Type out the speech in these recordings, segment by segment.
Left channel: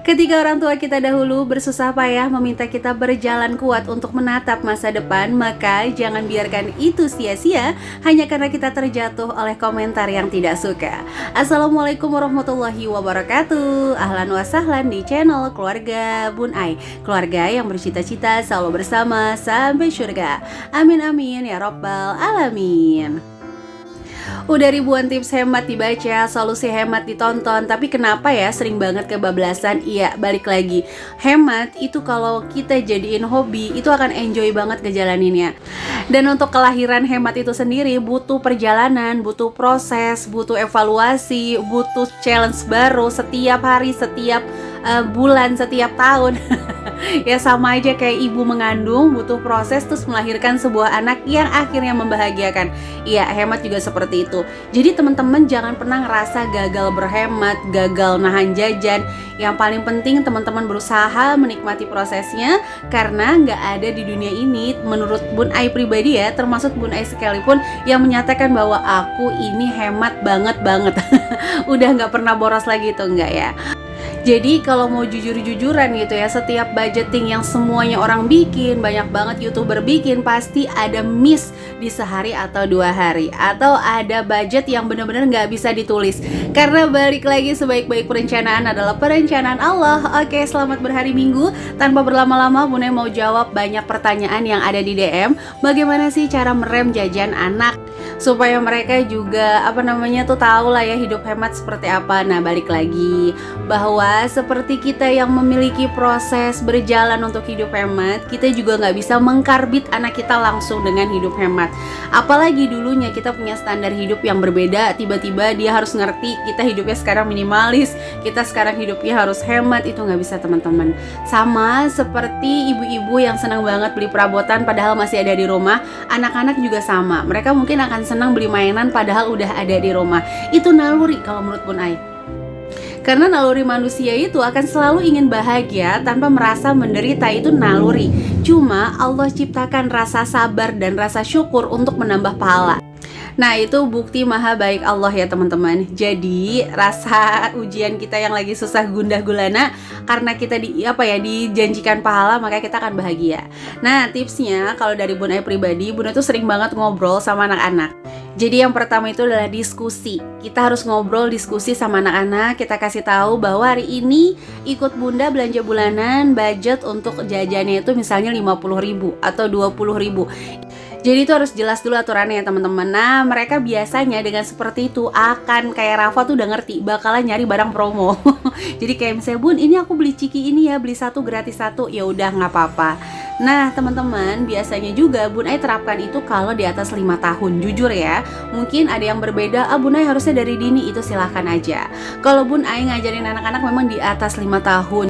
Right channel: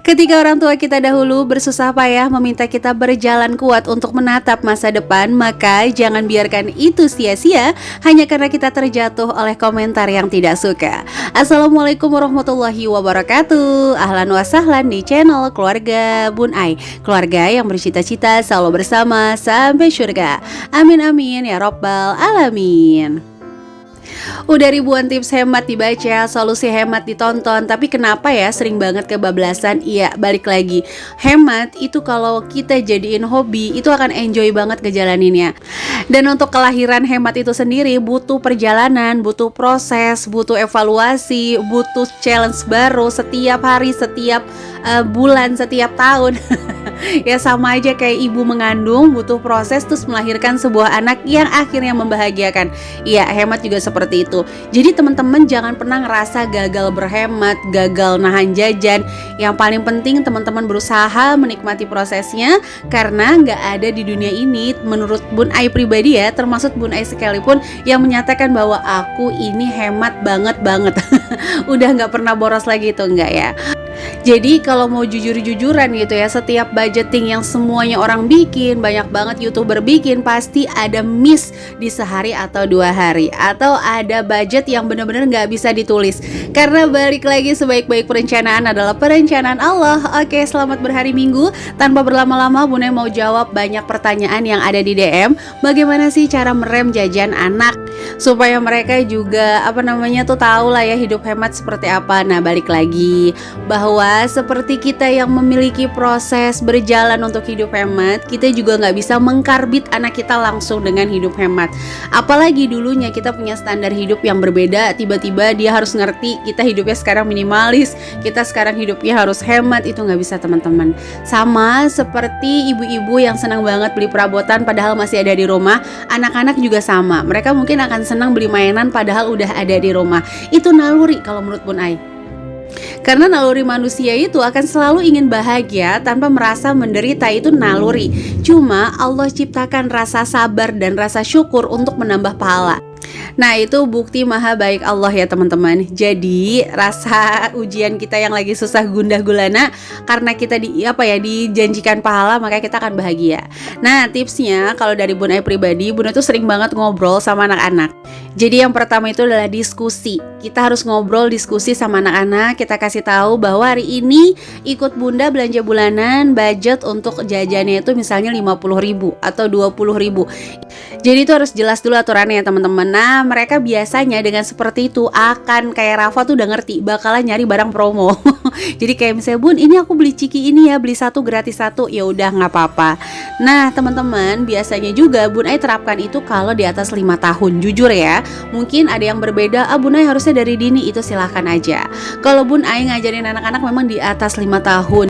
Ketika orang tua kita dahulu bersusah payah meminta kita berjalan kuat untuk menatap masa depan, maka jangan biarkan itu sia-sia hanya karena kita terjatuh oleh komentar yang tidak suka. Assalamualaikum warahmatullahi wabarakatuh. Ahlan wa sahlan di channel Keluarga Bun Ai, keluarga yang bercita-cita selalu bersama sampai surga. Amin amin ya robbal alamin. Udah ribuan tips hemat dibaca, solusi hemat ditonton, tapi kenapa ya sering banget kebablasan? Iya, balik lagi. Hemat itu kalau kita jadiin hobi, itu akan enjoy banget ngejalaninnya. Dan untuk kelahiran hemat itu sendiri butuh perjalanan, butuh proses, butuh evaluasi, butuh challenge baru setiap hari, setiap bulan, setiap tahun. Ya sama aja kayak ibu mengandung, butuh proses terus melahirkan sebuah anak yang akhirnya membahagiakan. Iya, hemat juga seperti itu. Jadi teman-teman jangan pernah ngerasa gagal berhemat, gagal nahan jajan. Yang paling penting teman-teman berusaha menikmati prosesnya, karena nggak ada di dunia ini menurut Bun Ai pribadi ya, termasuk Bun Ai sekalipun, yang menyatakan bahwa aku ini hemat banget. Udah nggak pernah boros lagi itu, enggak ya. Jadi kalau mau jujur-jujuran gitu ya, setiap budgeting yang semuanya orang bikin, banyak banget YouTuber bikin, pasti ada miss di sehari atau 2 hari, atau ada budget yang benar-benar nggak bisa ditulis. Karena balik lagi, sebaik-baik perencanaan adalah perencanaan Allah. Oke, selamat berhari Minggu. Tanpa berlama-lama, Bune mau jawab banyak pertanyaan yang ada di DM. Bagaimana sih cara merem jajan anak supaya mereka juga tahu lah ya hidup hemat seperti apa. Nah, balik lagi bahwa seperti kita yang memiliki proses berjalan untuk hidup hemat, kita juga nggak bisa mengkarbit anak kita langsung dengan hidup hemat. Apalagi dulunya kita punya standar hidup yang berbeda, tiba-tiba dia harus ngerti kita hidupnya sekarang minimalis, kita sekarang hidupnya harus hemat. Itu nggak bisa teman-teman. Sama seperti ibu-ibu yang senang banget beli perabotan padahal masih ada di rumah, anak-anak juga sama. Mereka mungkin akan senang beli mainan padahal udah ada di rumah. Itu naluri kalau menurut Bun Ai. Karena naluri manusia itu akan selalu ingin bahagia tanpa merasa menderita, itu naluri. Cuma Allah ciptakan rasa sabar dan rasa syukur untuk menambah pahala. Nah, itu bukti maha baik Allah ya teman-teman. Jadi rasa ujian kita yang lagi susah gundah gulana, karena kita dijanjikan pahala, maka kita akan bahagia. Nah, tipsnya kalau dari Bun Ai pribadi, Bun itu sering banget ngobrol sama anak-anak. Jadi yang pertama itu adalah diskusi. Kita harus ngobrol, diskusi sama anak-anak. Kita kasih tahu bahwa hari ini ikut Bunda belanja bulanan, budget untuk jajannya itu misalnya 50.000 atau 20.000. Jadi itu harus jelas dulu aturannya ya teman-teman. Nah, mereka biasanya dengan seperti itu akan kayak Rafa tuh udah ngerti, bakalan nyari barang promo. Jadi kayak misalnya, Bun, ini aku beli ciki ini ya, beli 1 gratis 1. Ya udah, nggak apa-apa. Nah teman-teman, biasanya juga Bun Ai terapkan itu kalau di atas 5 tahun. Jujur ya, mungkin ada yang berbeda, Bun Ai harusnya dari dini, itu silahkan aja. Kalau Bun Ai ngajarin anak-anak memang di atas 5 tahun.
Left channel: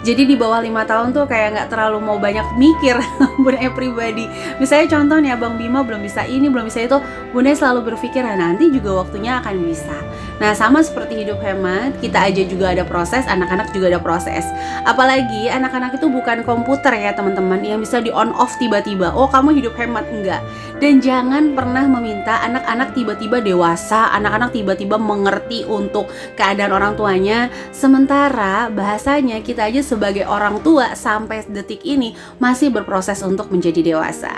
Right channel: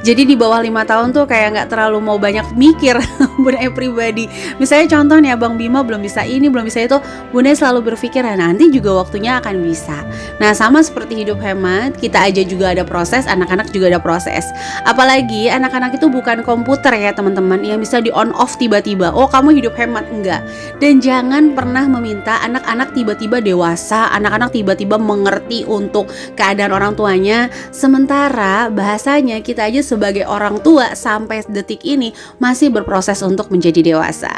Jadi di bawah 5 tahun tuh kayak nggak terlalu mau banyak mikir. Bun Ai pribadi, misalnya contoh nih, Abang Bima belum bisa ini, belum bisa itu, Bun Ai selalu berpikir nanti juga waktunya akan bisa. Nah sama seperti hidup hemat, kita aja juga ada proses, anak-anak juga ada proses. Apalagi anak-anak itu bukan komputer ya teman-teman, yang bisa di on off tiba-tiba. Oh kamu hidup hemat, enggak. Dan jangan pernah meminta anak-anak tiba-tiba dewasa, anak-anak tiba-tiba mengerti untuk keadaan orang tuanya. Sementara bahasanya kita aja sebagai orang tua sampai detik ini masih berproses untuk menjadi dewasa.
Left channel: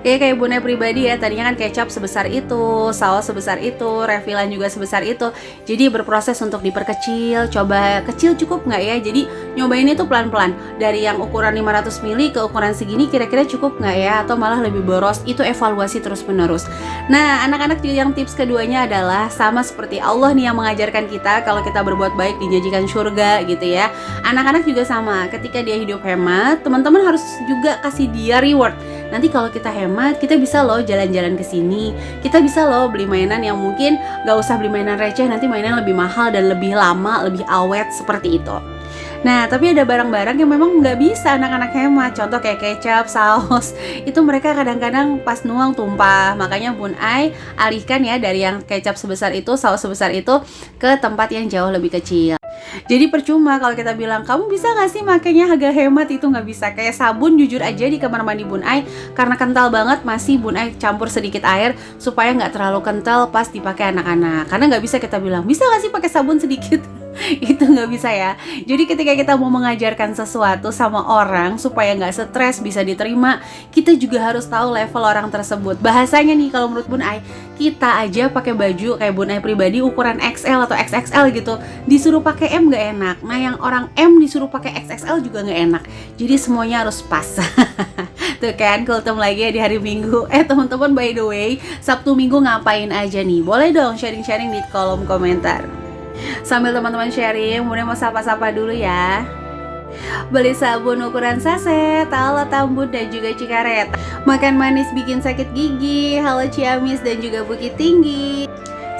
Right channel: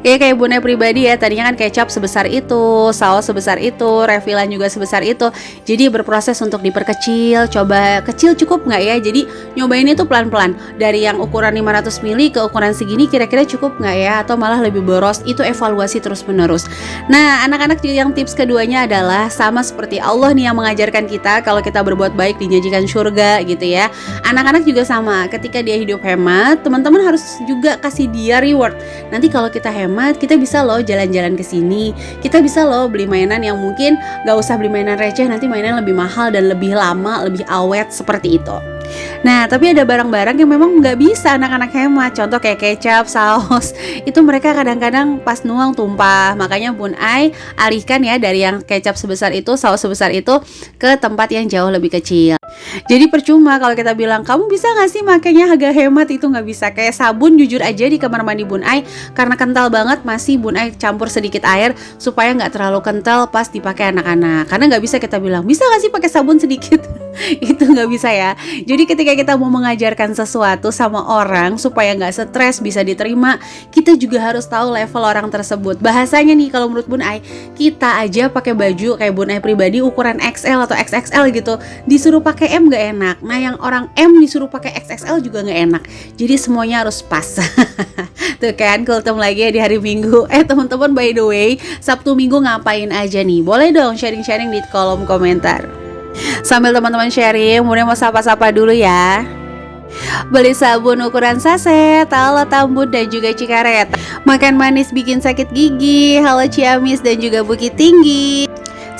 Kayak Bun Ai pribadi ya, tadinya kan kecap sebesar itu, saus sebesar itu, refilan juga sebesar itu. Jadi berproses untuk diperkecil, coba kecil cukup nggak ya. Jadi nyobain itu pelan-pelan, dari yang ukuran 500 ml ke ukuran segini kira-kira cukup nggak ya, atau malah lebih boros. Itu evaluasi terus-menerus. Nah anak-anak yang tips keduanya adalah sama seperti Allah nih yang mengajarkan kita, kalau kita berbuat baik dijanjikan surga gitu ya. Anak-anak juga sama, ketika dia hidup hemat, teman-teman harus juga kasih dia reward. Nanti kalau kita hemat, kita bisa loh jalan-jalan ke sini, kita bisa loh beli mainan yang mungkin gak usah beli mainan receh, nanti mainan lebih mahal dan lebih lama, lebih awet, seperti itu. Nah tapi ada barang-barang yang memang gak bisa anak-anak hemat. Contoh kayak kecap, saus, itu mereka kadang-kadang pas nuang tumpah. Makanya Bun Ai alihkan ya dari yang kecap sebesar itu, saus sebesar itu, ke tempat yang jauh lebih kecil. Nah, anak-anak juga yang tips keduanya adalah sama seperti Allah nih yang mengajarkan kita, kalau kita berbuat baik dijanjikan surga gitu ya. Anak-anak juga sama, ketika dia hidup hemat, teman-teman harus juga kasih dia reward. Nanti kalau kita hemat, kita bisa loh jalan-jalan ke sini, kita bisa loh beli mainan yang mungkin gak usah beli mainan receh, nanti mainan lebih mahal dan lebih awet, seperti itu. Nah tapi ada barang-barang yang memang gak bisa anak-anak hemat. Contoh kayak kecap, saus, itu mereka kadang-kadang pas nuang tumpah. Makanya Bun Ai alihkan ya dari yang kecap sebesar itu, Jadi percuma kalau kita bilang, kamu bisa gak sih makanya agak hemat, itu nggak bisa. Kayak sabun jujur aja di kamar mandi Bun Ai, karena kental banget, masih Bun Ai campur sedikit air supaya nggak terlalu kental pas dipakai anak-anak. Karena nggak bisa kita bilang, bisa gak sih pakai sabun sedikit? Itu nggak bisa ya. Jadi ketika kita mau mengajarkan sesuatu sama orang supaya nggak stres, bisa diterima, kita juga harus tahu level orang tersebut. Bahasanya nih kalau menurut Bun Ai, kita aja pakai baju kayak Bun Ai pribadi ukuran XL atau XXL gitu, disuruh pakai M nggak enak. Nah yang orang M disuruh pakai XXL juga nggak enak. Jadi semuanya harus pas. Tuh kan, kultum lagi ya di hari Minggu. Teman-teman, by the way, Sabtu Minggu ngapain aja nih? Boleh dong sharing-sharing di kolom komentar. Sambil teman-teman sharing, Bunda mau sapa-sapa dulu ya. Beli sabun ukuran saset, halo Tambun dan juga Cikaret. Makan manis bikin sakit gigi, halo Ciamis dan juga Bukit Tinggi.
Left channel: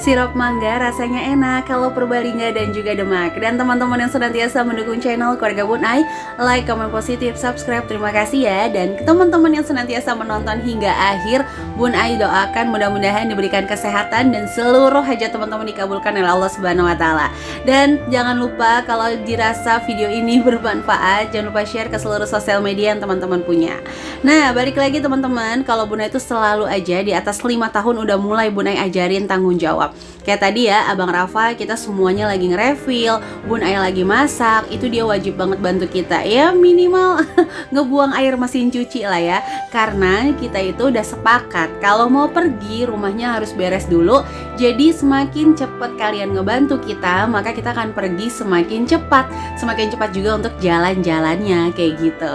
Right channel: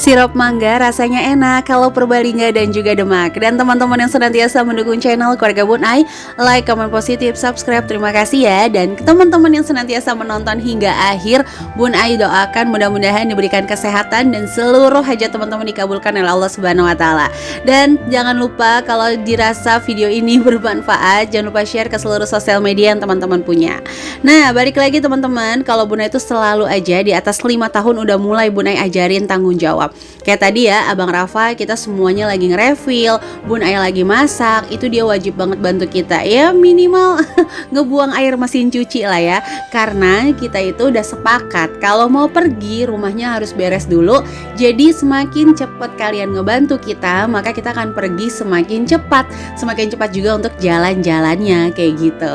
Sirup mangga rasanya enak kalau Purbalingga dan juga Demak. Dan teman-teman yang senantiasa mendukung channel Keluarga Bun Ai, like, komen positif, subscribe, terima kasih ya. Dan teman-teman yang senantiasa menonton hingga akhir, Bun Ai doakan mudah-mudahan diberikan kesehatan dan seluruh hajat teman-teman dikabulkan oleh Allah Subhanahu wa taala. Dan jangan lupa kalau dirasa video ini bermanfaat, jangan lupa share ke seluruh sosial media yang teman-teman punya. Nah, balik lagi teman-teman, kalau Bun Ai itu selalu aja di atas 5 tahun udah mulai Bun Ai ajarin tanggung jawab. Kayak tadi ya, Abang Rafa, kita semuanya lagi nge-refill, Bun Ai lagi masak, itu dia wajib banget bantu kita. Ya minimal ngebuang air mesin cuci lah ya. Karena kita itu udah sepakat kalau mau pergi rumahnya harus beres dulu. Jadi semakin cepat kalian ngebantu kita, maka kita akan pergi semakin cepat. Semakin cepat juga untuk jalan-jalannya kayak gitu.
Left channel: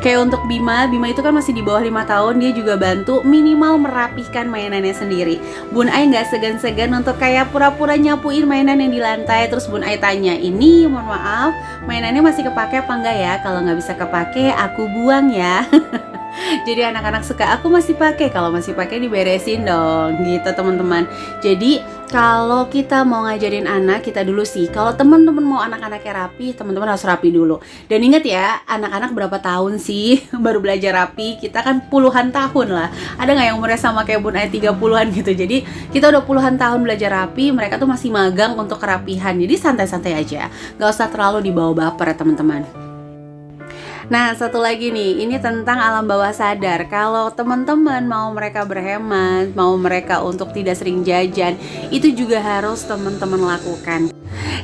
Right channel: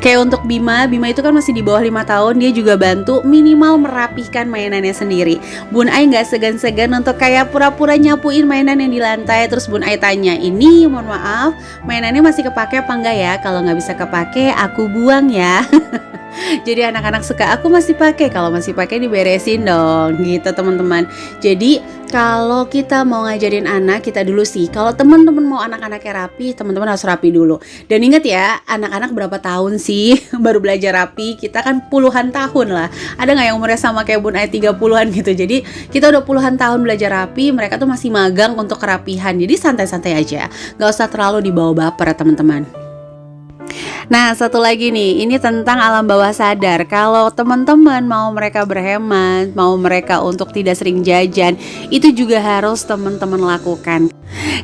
Kayak untuk Bima itu kan masih di bawah 5 tahun, dia juga bantu minimal merapihkan mainannya sendiri. Bun Ai nggak segan-segan untuk kayak pura-pura nyapuin mainan yang di lantai. Terus Bun Ai tanya, ini mohon maaf mainannya masih kepake apa enggak ya? Kalau nggak bisa kepake aku buang ya. Jadi anak-anak suka, aku masih pakai, kalau masih pakai diberesin dong gitu teman-teman. Jadi kalau kita mau ngajarin anak, kita dulu sih, kalau teman-teman mau anak-anaknya rapi, teman-teman harus rapi dulu. Dan ingat ya, anak-anak berapa tahun sih baru belajar rapi? Kita kan puluhan tahun lah. Ada nggak yang umurnya sama kayak Bun Ai 30-an gitu? Jadi kita udah puluhan tahun belajar rapi, mereka tuh masih magang untuk kerapihan. Jadi santai-santai aja, nggak usah terlalu dibawa baper ya teman-teman. Nah, satu lagi nih, ini tentang alam bawah sadar. Kalau teman-teman mau mereka berhemat, mau mereka untuk tidak sering jajan, itu juga harus teman-teman lakukan.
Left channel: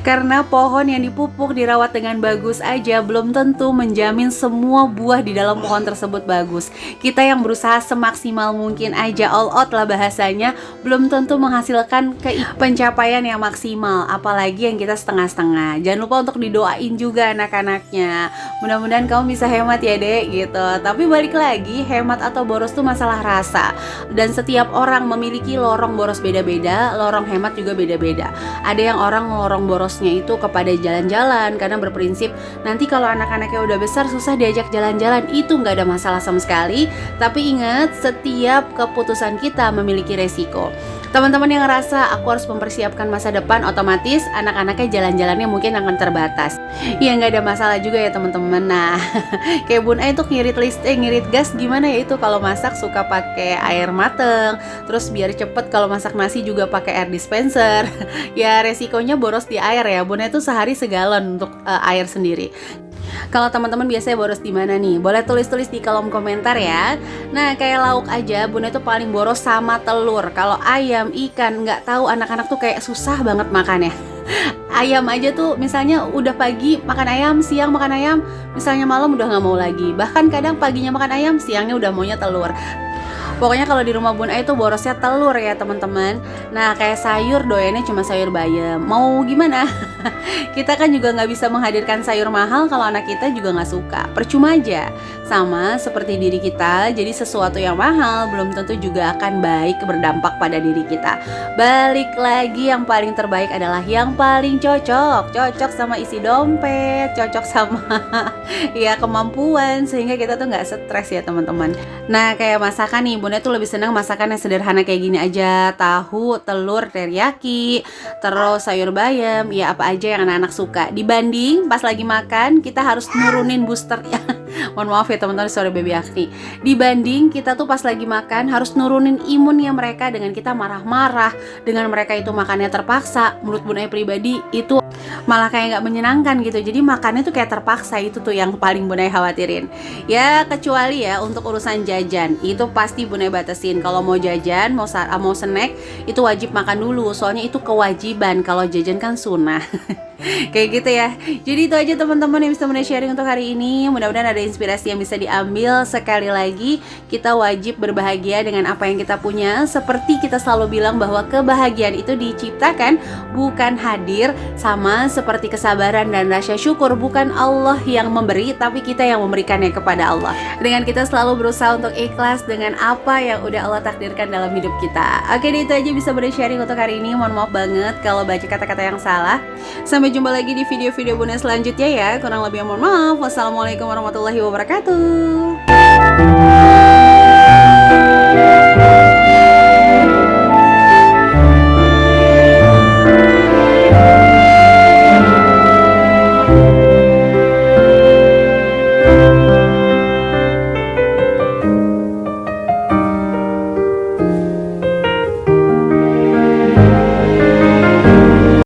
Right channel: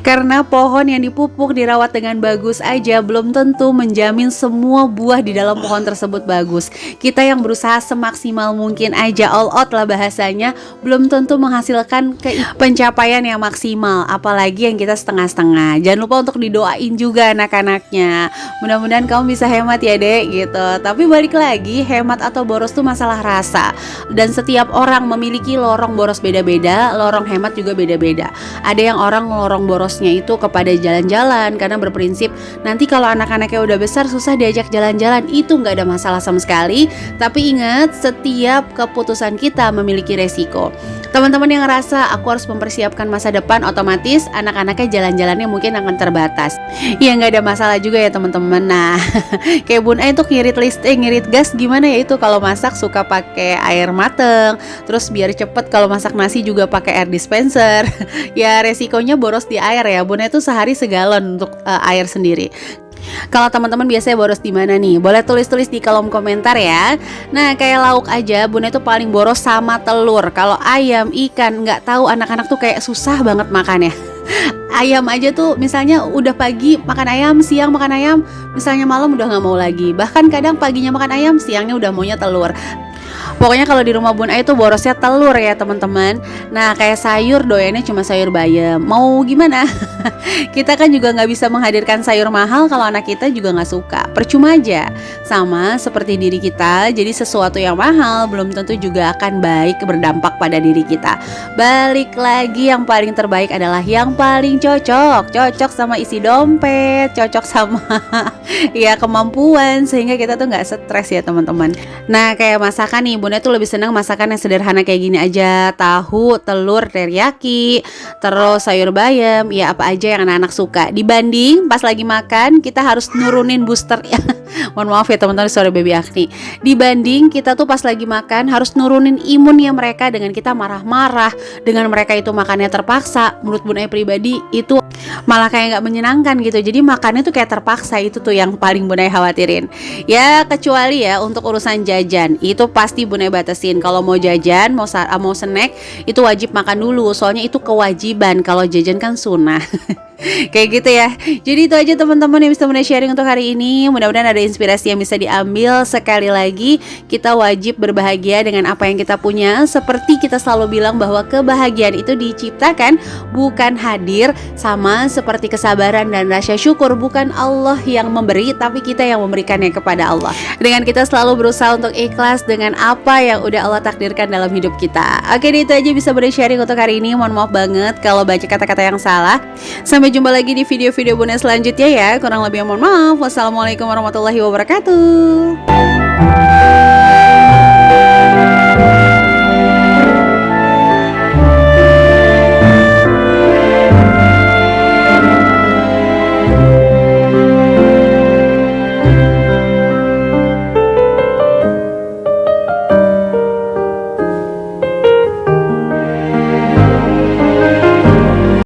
Karena pohon yang dipupuk dirawat dengan bagus aja belum tentu menjamin semua buah di dalam pohon tersebut bagus. Kita yang berusaha semaksimal mungkin aja, all out lah bahasanya, belum tentu menghasilkan pencapaian yang maksimal, apalagi yang kita setengah-setengah. Jangan lupa untuk didoain juga anak-anaknya. Mudah-mudahan kamu bisa hemat ya dek gitu. Tapi balik lagi, hemat atau boros tuh masalah rasa. Dan setiap orang memiliki lorong boros beda-beda, lorong hemat juga beda-beda. Ada yang orang lorong borosnya itu kepada jalan-jalan karena berprinsip nanti kalau anak-anaknya udah besar susah diajak jalan-jalan, itu nggak ada masalah sama sekali. Tapi ingat, setiap keputusan kita memiliki resiko. Teman-teman yang ngerasa aku harus mempersiapkan masa depan, otomatis anak-anaknya jalan-jalannya mungkin akan terbatas. Ya nggak ada masalah juga ya teman-teman. Nah, kayak Bun Ai tuh ngirit gas gimana ya itu kalau masak suka pakai air mateng. Terus biar cepet kalau masak nasi juga pakai air dispenser. Ya resikonya boros di air ya. Bun Ai tuh sehari segalon untuk air sendiri. Kalau teman-teman biasanya boros di mana nih? Boleh tulis-tulis di kolom komentar ya. Nah, kayak lauk aja, Bun Ai tuh paling boros sama telur. Kalau ayam, ikan, nggak tahu anak-anak tuh kayak susah banget makannya. Ayam aja tuh misalnya udah pagi makan ayam, siang makan ayam, misalnya malam udah nggak mau lagi. Bahkan kadang paginya makan ayam, siangnya udah maunya telur. Pokoknya kalau di rumah Bun Ai tuh borosnya telur ya teman-teman. Nah kayak sayur doyannya cuma sayur bayam. Mau gimana? Kita kan juga nggak bisa menghadirkan sayur mahal kalau anak kita juga nggak suka. Percuma aja. Sama seperti diri kita. Jadi sesuatu yang mahal belum tentu juga akan baik berdampak pada diri kita. Balik lagi, yang paling terbaik adalah yang paling cocok. Cocok sama isi dompet, cocok sama ya kemampuan, sehingga kita tuh nggak stres ya teman-teman. Nah kayak masakan nih, Bun Ai tuh lebih senang masakan yang sederhana kayak gini aja. Tahu, telur, teriyaki, terus sayur bayam, ya apa aja yang anak-anak suka. Dibanding pas lagi makan kita harus nurunin booster ya. Mohon maaf ya teman-teman, sorry baby Agni. Dibanding kita tuh pas lagi makan harus nurunin imunnya mereka dengan kita marah-marah, dengan mereka itu makannya terpaksa. Menurut Bun pribadi itu malah kayak nggak menyenangkan gitu. Jadi makannya tuh kayak terpaksa, itu tuh yang paling Bun khawatirin. Ya kecuali ya untuk urusan jajan, itu pasti Bun batasin. Kalau mau jajan, mau snack, itu wajib makan dulu. Soalnya itu kewajiban. Kalau jajan kan sunnah. Kayak gitu ya. Jadi itu aja teman-teman yang bisa Bunda sharing untuk hari ini. Mudah-mudahan ada inspirasi yang bisa diambil. Sekali lagi, kita wajib berbahagia dengan apa yang kita punya. Seperti kita selalu bilang bahwa kebahagiaan itu diciptakan, bukan hadir. Sama seperti kesabaran dan rasa syukur, bukan Allah yang memberi, tapi kita yang memberikannya kepada Allah. Dengan kita selalu berusaha untuk ikhlas dengan apa yang udah Allah takdirkan dalam hidup kita. Oke, itu aja bisa Bunda sharing untuk hari ini. Mohon maaf banget kalau baca kata-kata yang salah. Sampai jumpa lagi di video-video Bunda selanjutnya ya. Kurang lebih mohon maaf. Wassalamualaikum warahmatullahi wabarakatuh.